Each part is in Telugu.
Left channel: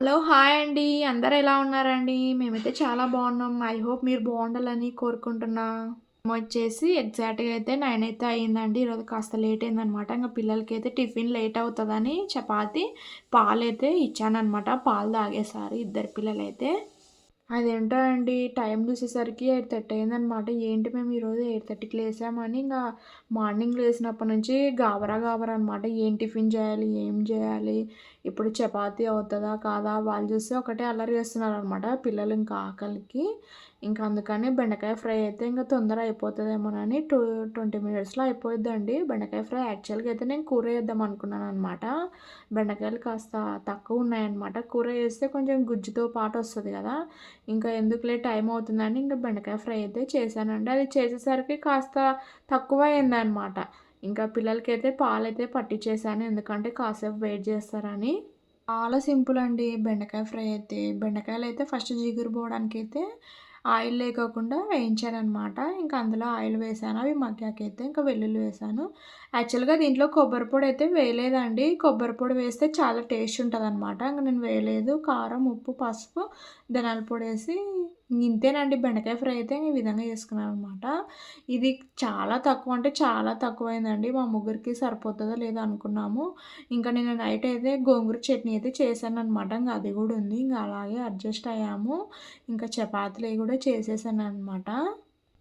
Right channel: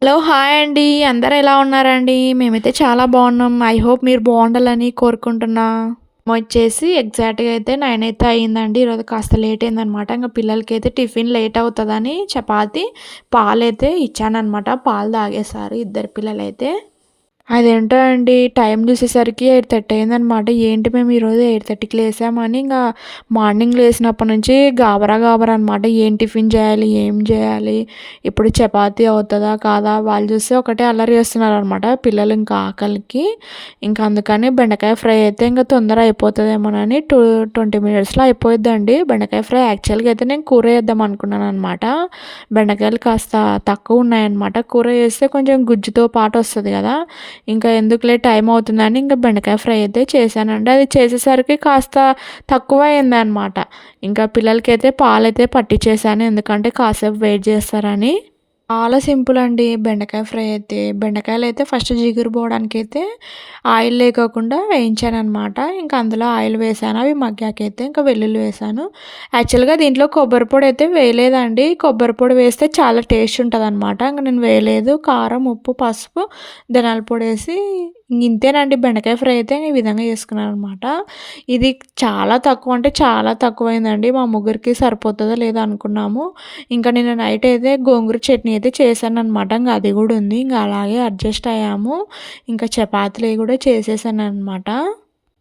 హలో హాయ్ అండి. అందరూ ఎలా ఉన్నారండి? మేమైతే చాలా బాగున్నాం. ఐ హోప్ మీరు బాగుండాలని కోరుకుంటున్నా. వచ్చేసి ఎగ్జాక్ట్గా అయితే నైన్ అయితే అయ్యిందండి ఈరోజు కాస్త లేట్ అయిందనమాట. ఇంకా పిల్లలకి అయితే టిఫిన్ లేట్ అవుతుందని చపాతి పాలు అయితే ఇచ్చానమాట పాలు తాగేశారు ఇద్దరు పిల్లలైతే. అదేంటో అండి టైం చూసేసరికి ఎయిట్ థర్టీ అయిందనమాట. ఏంటి మేము ఈరోజు ఎయిట్ థర్టీకి లేసామని ఇంకా మార్నింగ్ లేసినప్పటి నుంచి గాబరా గాబరా అనమాట ఏం టిఫిన్ చేయాలి ఏం చేయాలి ఇప్పుడు చపాతి అవుతుందా కాదా వాళ్ళు చూస్తే ఒకటే అల్లరి చేస్తున్నారు అనమాట పిల్లలు ఇంకా ఆకలికి. ఇంకా అందుకని బెండకాయ ఫ్రై అయితే ఇంకా తొందర అయిపోతుందేమోనని టూ ట్వంటీ మినిట్స్లో అయిపోయిద్దండి. బెండకాయ ఫ్రై యాక్చువల్గా అయితే నేను కూర వేద్దాం అనుకున్నాను అనమాట బెండకాయలు కాస్త తక్కువ ఉన్నాయన్నమాట. కూర వేస్తే కొంచెం గుజ్జుతో పాటు వస్తుంది కదా. ఇంకా ఎందుకులే టైం అవుతుందని ఇంకా బెండకాయ ఫ్రై అయితే చేశానండి. అది చేసేసరికి కాస్త తక్కువ అయింది అనమాట ఇంకా పిల్లలకైతే పాలైతే పట్టించేసాను ఎందుకంటే కాసేపు వెయిట్ చేస్తారని. చాలా సింపుల్ అండి. బెండకాయ ఫ్రై అయితే. బెండకాయలు అయితే ఫస్ట్ జిగురు పోవడానికి అయితే ఆయిల్ లేకోకుండా వేయించాను అనమాట ఇంకా అందులో ఆయిల్ వేసాను. అవి మగ్గాకైతే ఇంకా వెల్లుల్లి వేసాను. యాక్చువల్గా దీంట్లో కొబ్బరి పొడి అయితే వేయలేదండి. కొబ్బరి పొడి వేస్తే చాలా టేస్ట్ ఉంటుంది అనమాట ఇంకా నేను వేయలేదు. కారం ఉప్పు పసుపు ధనాల పొడి వేసి ఇంతేనండి. బెండకాయ ఫ్రై అయితే ఈ విధంగా చేసుకున్నాను అనమాట ఇది చాలా తక్కువ అంటే చాలా తక్కువైందండి. మా ముగ్గురికి సరిపోతుందో లేదో అనుకున్నాము. ఇంకా నేను నైట్ అయితే గోంగూర చట్నీ అయితే చేశాను అనమాట ఇంకా అది కూడా ఉంది. ఇంకా అలాగే అడ్జస్ట్ అయ్యాము. ఇంకా చపాతీలు కూడా చేసేసాను అనమాట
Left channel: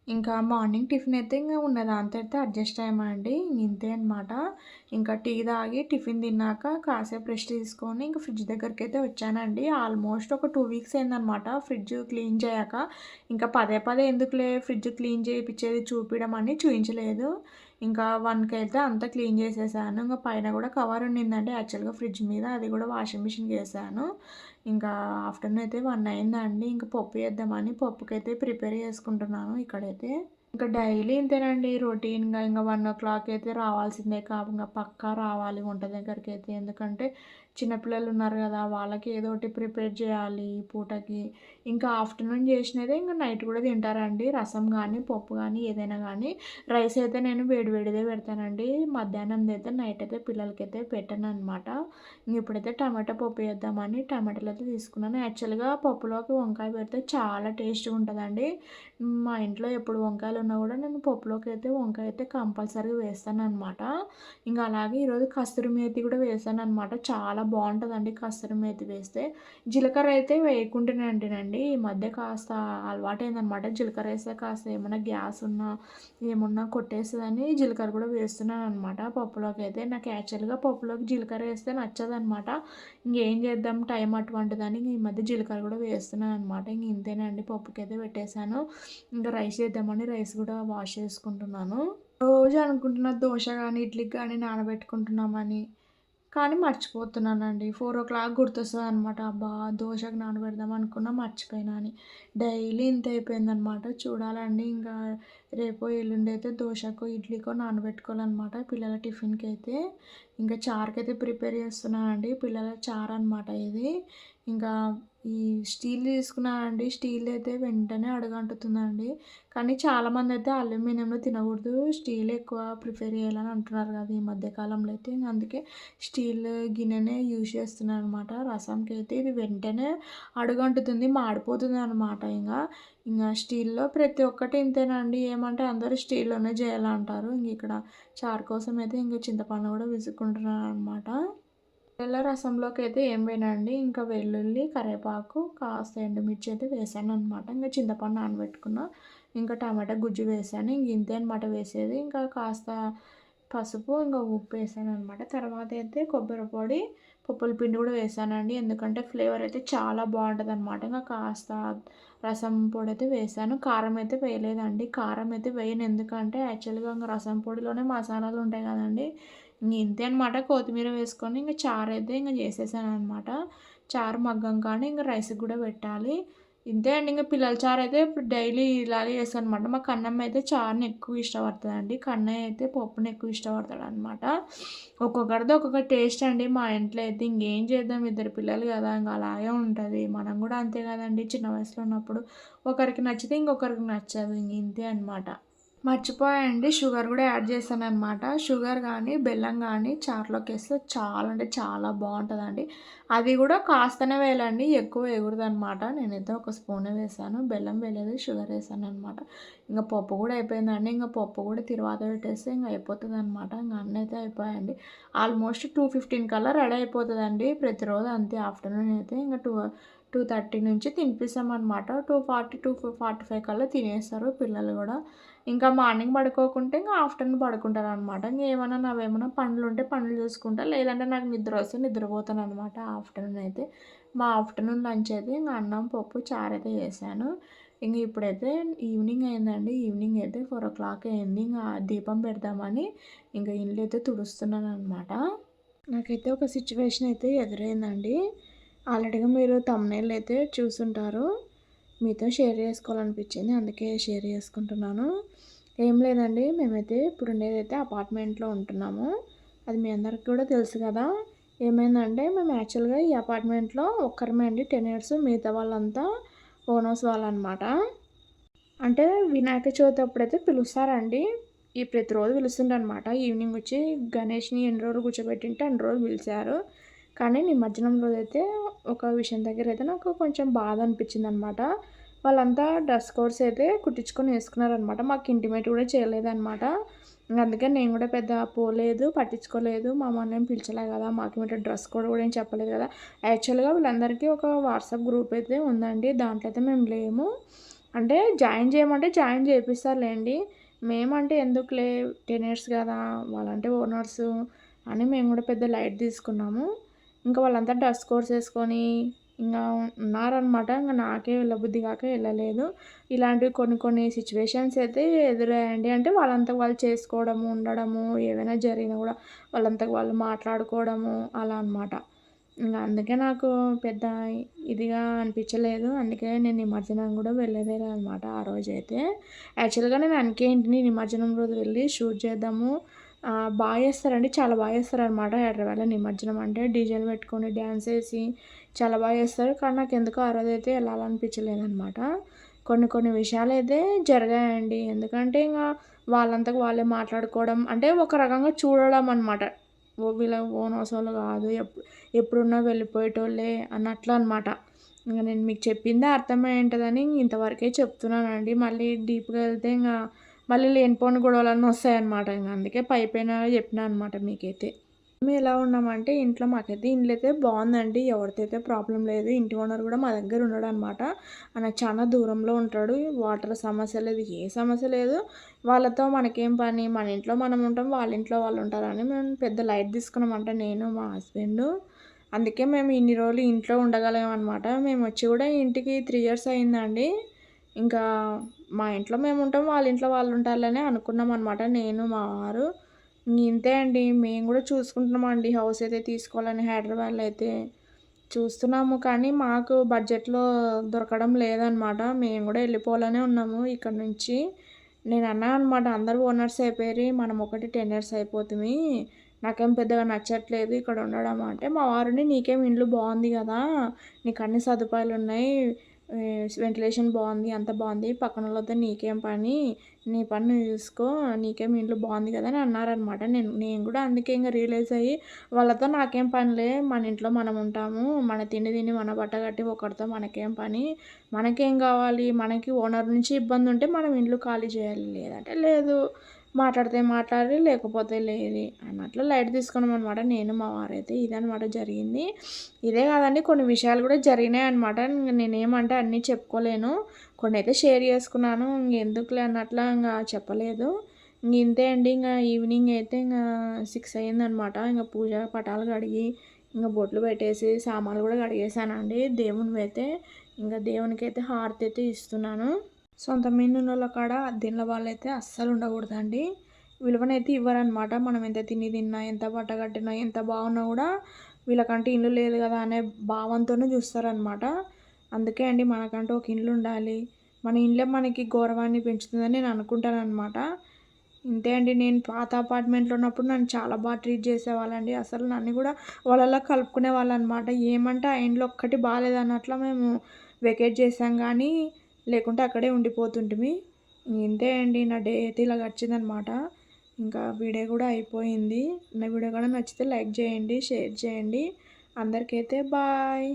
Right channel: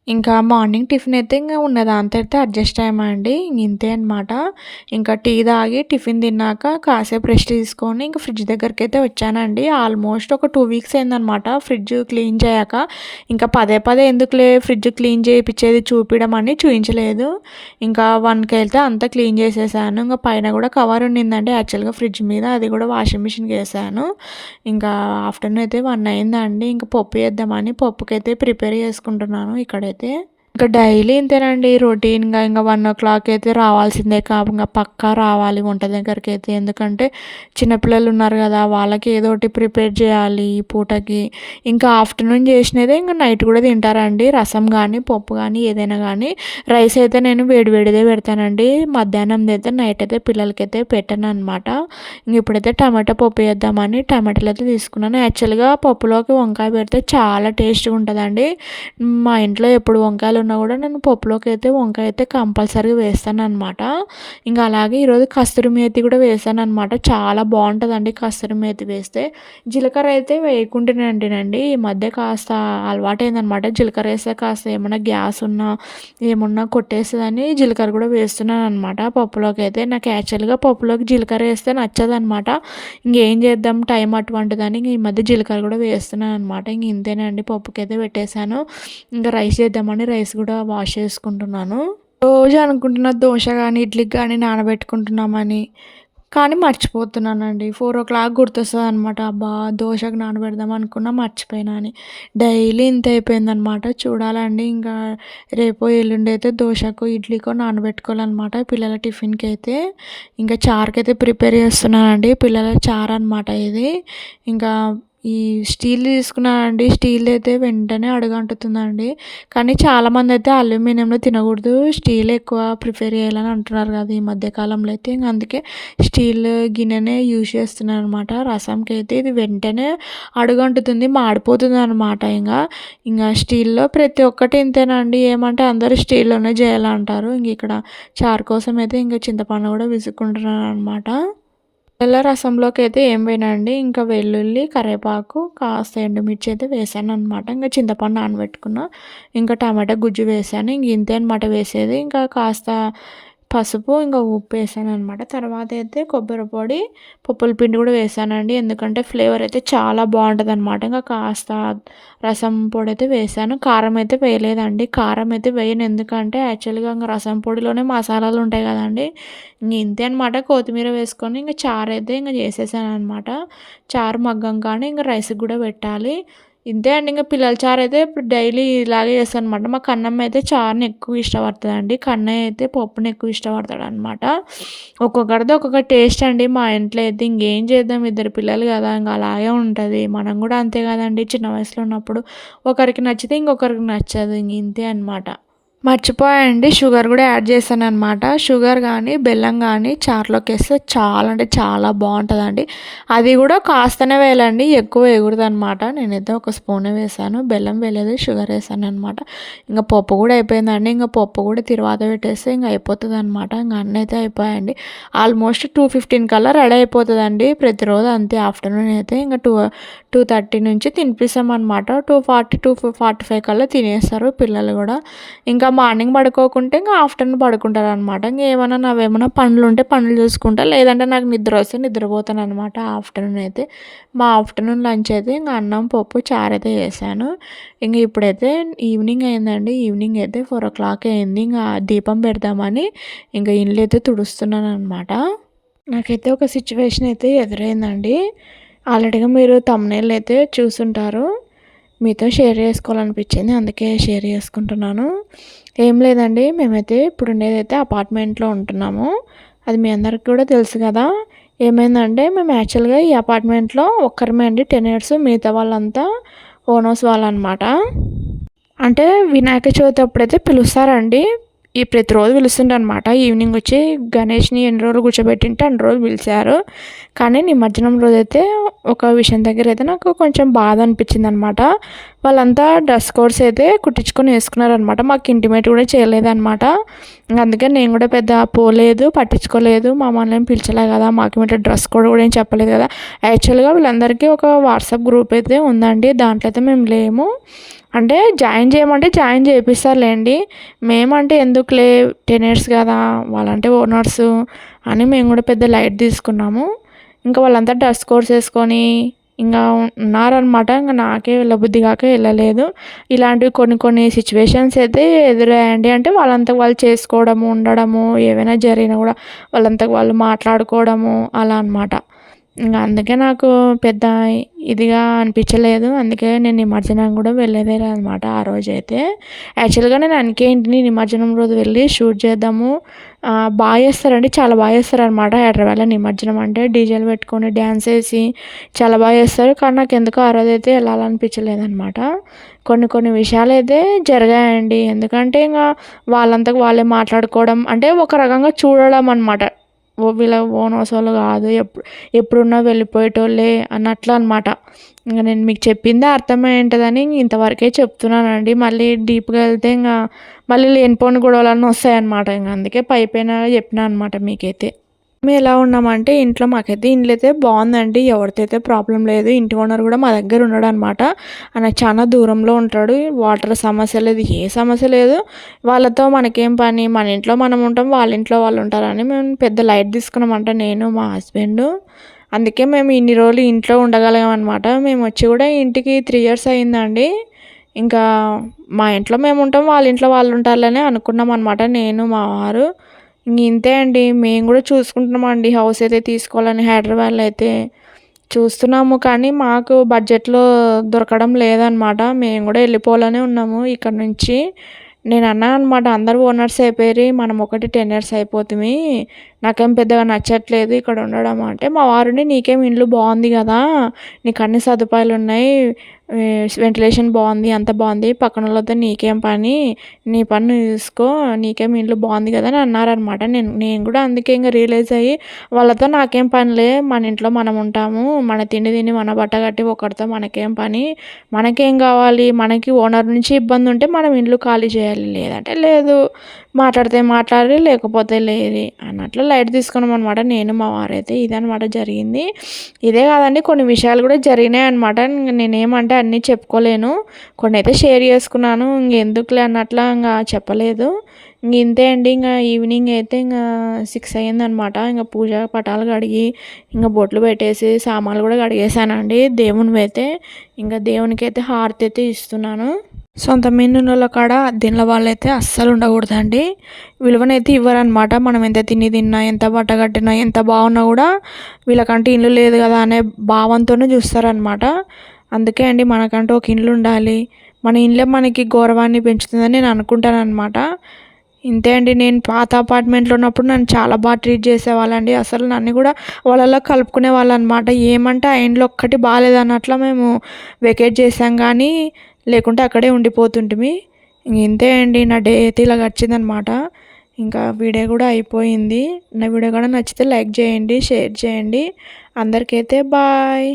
ఇంకా మార్నింగ్ టిఫిన్ అయితే ఇంకా ఉన్న దాంతో అడ్జస్ట్ అయ్యామండి. ఇంతే అనమాట ఇంకా టీ తాగి టిఫిన్ తిన్నాక కాసేపు రెస్ట్ తీసుకొని ఇంకా ఫ్రిడ్జ్ దగ్గరికి అయితే వచ్చానండి. ఆల్మోస్ట్ ఒక టూ వీక్స్ అయిందనమాట ఫ్రిడ్జ్ క్లీన్ చేయక. ఇంకా పదే పదే ఎందుకులే ఫ్రిడ్జ్ క్లీన్ చేయించేది చూపించడం అని చూపించలేదు ఇంకా వన్కి వెళ్తే అంతా క్లీన్ చేసేసాను. ఇంకా పైన కూడా కవర్ ఉండిందండి. యాక్చువల్గా ఫ్రిడ్జ్ మీద అది కూడా వాషింగ్ మిషన్కి వేసాను. ఇంకా ఆఫ్టర్నూన్ అయితే వన్ అయిందండి. ఇంకా పప్పు వేద్దామని పప్పుకైతే ప్రిపేర్ చేసుకుంటున్నాను ఇక్కడైతే. అయితే ఇంకా డైలీ ఇంతేనండి రొటీన్గా ఇంకా వన్ ఓ క్లాక్ అయితే రావాల్సిందే కాకుండా ఇంకా పక్కా రావాలి వంట దగ్గరికి అయితే ఎందుకంటే చిన్నపిల్లలు ఉన్నారు కదా వాళ్ళకి ఏదో ఒకటి ప్రిపేర్ చేయాలి ఈ పూటకి. ఇంకా ఆఫ్టర్నూన్ చేసినదే ఇంకా నైట్ కూడా తింటారండి. రసం కానీ పప్పు కానీ ఏదైనా కానీ రైస్ అయితే నేను వేడివేడిదే పెడతానండి. మధ్యాహ్నం అయితే నైట్ అయితే పిల్లలకైతే పెట్టాను అనమాట ఇంక ఇప్పుడైతే టమాటా పప్పు వేద్దామని టమాటాలు అయితే తీసుకున్నాను. యాక్చువల్గా పప్పులోకి వంకాయ పెడితే చాలా టేస్ట్గా ఉంటుందండి. మా ఇంట్లో ఎప్పుడు వంకాయలు ఉన్నా కూడా నేను పప్పులోకి అయితే వంకాయ అయితే కంపల్సరీగా వేస్తాను అనమాట ఇంకా అలాగే ఈరోజు కస్తూరి మేతి కూడా వేసాను అనమాట చాలా బాగుంటుందండి కస్తూరి మేతి వేస్తే. జీలకర్ర అయితే వేయకుండానండి ఈ మధ్య కాస్త అలవాటైందనమాట జీలకర్ర వేస్తే కాస్త ఏమన్నా గ్యాస్ ఉన్నా ఏమన్నా కొట్టేస్తుందని జీలకర్ర కూడా వేస్తున్నాను అనమాట పప్పులోకి అయితే నాకు యాక్చువల్గా పప్పులోకి జీలకర్ర వేస్తే నచ్చదనమాట ఇంకేం చేద్దాం టైం అటువంటిదని ఇంక ఈ మధ్య జీలకర్ర కూడా వేస్తున్నాను అనమాట ఇంక ఇంతేనండి పప్పుకి అయితే పెట్టేశాను. ఇంకా రైస్ చేద్దామని రైస్ కూడా వాష్ చేసుకుంటున్నాను. రోజు అనుకుంటున్న దోశ కానీ ఇడ్లీకి కానీ నానబెట్టుకుంటున్నామని. కానీ మర్చిపోతున్నానండి. ఫోర్ ఓ క్లాక్ గుర్తొస్తుంది అనమాట అబ్బా దోశకు నానబెడదాం అనుకున్నా మర్చిపోయినా అని. డైలీ ఇంత అయిపోయిందనమాట చూడాలండి ఇంకా రేపు ఎల్లుండి అయితే దోశకు ఇడ్లీకో నానబెట్టుకోవాలన్నమాట పిల్లల టిఫిన్కి అయితే ఇంకా చారుకి అయితే ప్రిపేర్ చేస్తున్నానండి. పిల్లల చారు అనమాట ఇది. ఇంకా ఈ స్టీల్ తీసుకున్నానండి. స్టీల్ అయితే వెంటనే అడుగంటుతుందండి. కానీ చాలామంది అయితే అల్యూమినియంలో తినకూడదు. స్టీల్ ఎక్కువ ప్రిఫర్ చేయాలని అంటున్నారు కదా ఈ మధ్యకాలంలో అయితే. ఇంకా అందుకే స్టీల్ గిన్నెనే యూజ్ చేస్తున్నాను అనమాట రసంకి అయితే ఇది వెంటనే అడుగంటుతుంది. మాడిపోతుంది అనమాట ఇంకా. ఇంకా స్టీల్లో ప్రతి ఒక్కటి ఇంతేనండి. ఏమంటే అందరూ స్టీల్లోనే చేయాలంటారు. ఇంక ఇక్కడ చారు కోసం అయితే ఇంకా చింతపండు కూడా విసుక్కుంటున్నాను అనమాట తెల్ల రసంలోకి అయితే ఏం వేయనండి ఇంకా వెల్లుల్లి కరివేపాకు కాస్త ఎండుమిర్చి అయితే వేసాను అనమాట ఇంకా చింతపండు నానబెట్టుకున్న ఇంకా టమాటా గుజ్జు వేసాను. ఇంక ఇంతే అనమాట వేసేది. ఇంకా కాస్త పసుపు ఇంకా ఉప్పు వేసాను అనమాట తర్వాత అయితే కొబ్బరి పొడి పప్పుల పిండి కూడా వేసానండి. ఎందుకంటే ఫ్లేవర్ అయితే చాలా బాగుంటుంది అనమాట ఇంకా కాస్త రసం పొడి అయితే వేసాను. కారం అయితే వేయలేదండి. కారం అయితే వేయను. ఎందుకంటే యాక్చువల్గా ఇంకా రసం పొడిలోనే మసాలాలు ఉంటాయి కదండి. ఇంక ఇంతే అనమాట కొత్తిమీర వేసుకొని ఇంకా చారు అయితే ఇంకా చేసేసాను అనమాట చారు మగ్గం కానీ ఇంకా రైస్కి కూడా పెట్టాలి. ఇంతే అండి. ఇంకా పిల్లల చారు అయితే ఇప్పుడు డైలీ ఇలాగే చేస్తాను అనమాట మా కన్నమ్మ అయితే చారుని ఎక్కువ ఇష్టపడుతుందండి. కన్నయ్య అయితే పప్పుని ఎక్కువ ఇష్టపడతాడు అనమాట ఒక్కొక్కరిది ఒక్కొక్క టేస్ట్ అండి. మా ఇంట్లో అయితే ఇంకేం చేద్దాం? ఇద్దరు పిల్లలు కదా ఇంకా అలాగే ఉంటుంది. మనం కూడా అంతే కదండి. చిన్న వయసులో ఉన్నప్పుడు ఒకరికి నచ్చితే ఇంకొకరికి నచ్చదు. ఇంక ఇంతే అనమాట మర్చిపోయండి షుగర్ కూడా యాడ్ చేశాను అనమాట షుగర్ కానీ బెల్లం కానీ చారులోకి వేస్తే చాలా అంటే చాలా బాగుంటుందండి. అది కూడా కాస్తనే వేయాలండి. ఎక్కువ ఎగురుదు అనమాట నేనైతే ఒక స్పూన్ వేసాను బెల్లం వేయలేదు షుగర్ వేసాను అనమాట ఇంకా పప్పు కూడా అయిపోయిందండి. ఇంకా పప్పు కూడా తిరువాత పెట్టేస్తే ఇంకా అయిపోతుంది అనమాట ఇంకా అన్నీ అయితే అయిపోయాయండి. ఆల్మోస్ట్ టూ ఫిఫ్టీన్ కల్లా రెడీ అయిపోతుందండి. ప్రతిరోజు అంతే ఆఫ్టర్నూన్ అయితే ఇంకా టూ టూ థర్టీ నుంచి తినిపిస్తామన్నమాట. Two forty two forty five కల్లా తినేస్తారు పిల్లలు కూడా. ఇంకా మార్నింగ్ పడుకోకుంటే ఇంకా ఆఫ్టర్నూన్ పడుకుంటారు అనమాట ఇంకా ఏమైనా నావేమైనా పనులు ఉంటే పనులు చూసుకుంటా. లేదంటే నాకు నిద్ర వస్తే నిద్రపోతాను అనమాట ఆఫ్టర్నూన్ అయితే. మా ఆఫ్టర్నూన్ లంచ్ అయితే ఇంకా అన్నం పప్పు చారు అయితే చేశాను. ఇంక ఇప్పుడైతే ఈవినింగ్ అయిందండి. ఈవినింగ్ అయితే ఫోర్ ఓ క్లాక్ అయింది. ఇంకా దీపం పెడదామని ఇంకా ఇల్లు అయితే తుడుస్తున్నాను అనమాట నాకైతే ఒక సిచ్యువేషన్ అయితే ఎదురైందండి. ఆల్రెడీగా మీరు తమ్నేళ్ళు అయితే చూసుంటారు. మీతో షేర్ చేసుకోవాలనిపించింది. అందుకే షేర్ చేసుకుంటున్నాను. ఏం లేదండి. మేమైతే ఇప్పుడు ఉండేదైతే అపార్ట్మెంట్లో ఉంటున్నాము. అది మీ అందరికి కూడా తెలుసు కదా. ఏమైందంటే మేము యాక్చువల్గా ఈ అపార్ట్మెంట్లో ఒక్కరమే అండి. టెన్ ఇయర్స్ మిగతా వాళ్ళంతా ఓనర్స్ వాళ్ళు అనమాట అంటే వినాయక చవితి అప్పుడైతే పిలుస్తారండి. ఈ ప్రతిరోజు పిలుస్తుండనమాట అనమాట ఈవినింగ్ వచ్చి గణేష్ని ఎన్ని రోజులు కూర్చోబెట్టింటే అన్ని రోజులు పిలిచారు. కానీ నిమజ్జనం రోజు అయితే ఒక విషయం దగ్గర అయితే నాకు కొంచెం బాధ అనిపించింది అనమాట వాళ్ళంతా డ్రెస్ కోడ్స్ అయితే కుట్టించుకొని వేసుకున్నారనమాట మాకు ఇంటిమేట్ కూడా చేయలేదన్నమాట. అందుకే నేను కూడా పెద్ద పోలేదు పట్టించుకోలేదు. మమ్మల్ని ఏం పిలిచలే కదా మాకు మీద డ్రెస్ కోడ్ కూడా ఏం చెప్పలేదు కదా. యాక్చువల్గా వీళ్ళందరికీ ఒక వాట్సాప్ గ్రూప్ అయితే ఉందండి. దాంట్లో అయితే మేము లేము. అంటే జాయిన్ చేయమంటే జాయిన్ చేపిస్తారులేండి. మేమంటే ఎందుకులే టెన్ ఇయర్స్ కదా వాళ్ళంటే ఓనర్స్ అని మేము కూడా పెద్ద లైట్ తీసుకున్నాము. ఇంకా వాళ్ళంతా డ్రెస్ కోర్స్ వేసుకొని ఇంకా ఉన్నారనమాట ఇంకా నాకే వెళ్ళబుద్ధి కాక వెళ్ళలేదు. ఇలాంటివి కొన్ని కొన్ని సిచ్యువేషన్స్ అయితే ఎదురయ్యండి అంటే వాళ్ళంతా వాళ్ళు చేసుకోవడము ఉండడము ఏవైనా జరిగినా కూడా వాళ్ళంతా వాళ్ళు మాట్లాడుకోవడము అలా అనమాట ఇంకా అందుకే నాకు పెద్ద ఇదిగా అనిపించలేదు. అందుకే నేను నిమజ్జనం కూడా వెళ్ళేదే అనమాట ఆ రోజు అయితే యాక్చువల్గా నేను అందుకే ఇంటిని నిమజ్జనం రోజు వెళ్ళి షూట్ చేద్దాము. బాగా చేస్తారండి. చాలా బాగా చేస్తారనమాట హైదరాబాద్లో నిమజ్జనం. అంటే డీజేలు పెట్టుకొని డ్యాన్స్ వేసి చాలా బాగా చేస్తారు. కానీ నాకు ఎందుకో ఆ రోజు అయితే వెళ్ళాలనిపించలేదనమాట. కొన్ని కొన్ని విషయాలు అయితే జరిగాయండి. ఎందుకంటే ఇంకా వాళ్ళంతకు వాళ్ళే మాట్లాడుకోవడం అంటే ఒక రకంగా చూడడం అనమాట. వీళ్ళ ఓనర్స్ వాళ్ళు కాదు ఎప్పుడు ఎప్పుడున్నా వెళ్ళిపోయేటోళ్ళే అన్నట్లు అనమాట ఇంకా నేను మీకు చెప్పిందే అర్థమై ఉంటుందని ఇంతవరకే చెప్తున్నానండి. మళ్ళీ డీప్గా వెళ్తే ఇంకా మళ్ళీ లేనిపోని గొడవలన్నీ వస్తాయన్నమాట. ఇంకా అందుకే పైపైన చెప్పిన అనమాట మీకైతే. మేము ఎలా ఉన్నామంటే ఇంట్లో మాకైతే ఇండ్లు అయితే బాగుందండి ఎవరితో అయితే ప్రాబ్లం లేదు ఇంటి ఓనర్ కూడా మా దగ్గర ఉన్నాడు అనమాట ఆయన చాలా దూరంలో ఉంటాడు. వాటర్ సమస్య లేదు ఏ సమస్య లేదు. వాళ్ళతో మనకేం పని? మన ఇంట్లో మనం ఉంటాం వాళ్ళ ఇంట్లో వాళ్ళు ఉంటారని మేము పెద్ద లైట్ తీసుకున్నామంట నేను మా హస్బెండ్. అందుకే మేము ఇన్ని రోజులు ఇంట్లో ఉండగలిగాం అనమాట మేము వచ్చి కూడా ఇంటికి త్రీ ఇయర్స్ అయిందండి. ఇంకా మా ఇంట్లో మేము ఉంటాం వాళ్ళ ఇంట్లో వాళ్ళు ఉంటారని అనుకున్నాం అనమాట నేను మా వారు. ఇంతే అండి. మేము కూడా చూసుకుంటున్నామండి హౌస్ అయితే తీసుకోవాలని హైదరాబాద్లో అయితే చూస్తున్నాము. కానీ మాకు బడ్జెట్లో దొరకడం లేదనమాట. మేము కూడా వెళ్ళిపోవాలనే ఉన్నాము ఇక్కడ నుంచి. నేను అన్నాను అనమాట అందరు ఓనర్స్ అయిపోయి మనం ఒకటి టెన్ ఇయర్స్ అయిపోతుంది నాకేం పెద్దగా నచ్చట్లేదు ఇక్కడ ఉండడం అంటే మా వారిని నీకేం ఇల్లు బాగుంది కదా నీకు అన్ని సదుపాయాలు ఉన్నాయి వెంటిలేషన్ బాగుంది అంత బాగుంది పక్కన వాళ్ళతో నీకేం పని నీ పని చూసుకో నీకేం ఇంట్లో బాగుంది కదా అని అన్నారనమాట నేను నేను కూడా అందుకే ఇంకా రియలైజ్ అయ్యి వాళ్ళతో నాకేం పనిలే మన ఇంట్లో మనం ఉంటాము మన తిండి తిని మన బట్ట కట్టి ఒకరితో మనకేం పని మనకేం కావాలి మనకి ఓనర్ నుంచి ఇబ్బంది ఉంటే మనం ఇండ్లు ఖాళీ చేయాలి లేదంటే లేదు. మాట్లాడితే మాట్లాడి లేకపోతే లేదు అన్నట్లు లైట్ తీసుకున్నాం అనమాట నేను మా వారైతే ఇదనమాట జరిగింది. ఇదే కాదండి కొన్ని విషయాలు కూడా జరిగినాయి అనమాట నేనేమంటే అన్నీ చెప్పుకోలేను. కొన్ని అయితే షేర్ చేసుకున్నాను. ఇంకెందుకులే అన్నట్లు ఇంకా చెప్పలేదు. ఇంక ఇంతే అండి ఇంకా ఈవినింగ్ అయితే ఇంకా సిక్స్ అయ్యిందనమాట ఇంకా పూజ పటాలు కడిగి ఇంకా బొట్లు పెట్టేసి సామాన్లు కూడా కడిగేసానండి దేవుని అయితే ఇంకా దేవునికి అయితే హారతి అయితే ఇస్తున్నాను. సొంత మిన్నుల కాడ దీనిలో వాళ్ళైతే అస్సలు ఉండకూడదండి. విలువనైతే ఇవ్వరనమాట మనం ఎంత తిని తిన్నా ఎంత బట్ట కట్టినా ఎంత బాగున్నా కూడా వీళ్ళకంటే ఇల్లు లేదు కదా అనే భావంతోనే చూస్తారనమాట అందుకే అండి మనకంటూ ఒక ఇల్లు ఉండాలి. మన ఇల్లే మనకి గౌరవాన్ని పెంచుతుందని నేను అనుకుంటాను అనమాట ఇంతే అండి. నేను పాత అపార్ట్మెంట్లో ఉన్నప్పుడు నన్ను చాలా బాగా ట్రీట్ చేసేవాళ్ళండి. అసలు నన్ను కూడా వాళ్ళలో కలుపుకునే వాళ్ళు అనమాట ఏమంటే ఆ ఇంట్లో ఒక్కటి బాగాలేదన్నట్లు మేము వెకేట్ చేసాం కానీ లేకుంటే అక్కడే ఉండిపోతుంటిమి. ఇంతే అండి నా డే అయితే ఇలా గడిచిందనమాట. ఇంకా వీడియో కూడా అయిపోయింది. నా వీడియో కూడా నచ్చితే లైక్ చేయండి షేర్ చేయండి. అందరికైతే బాయ్.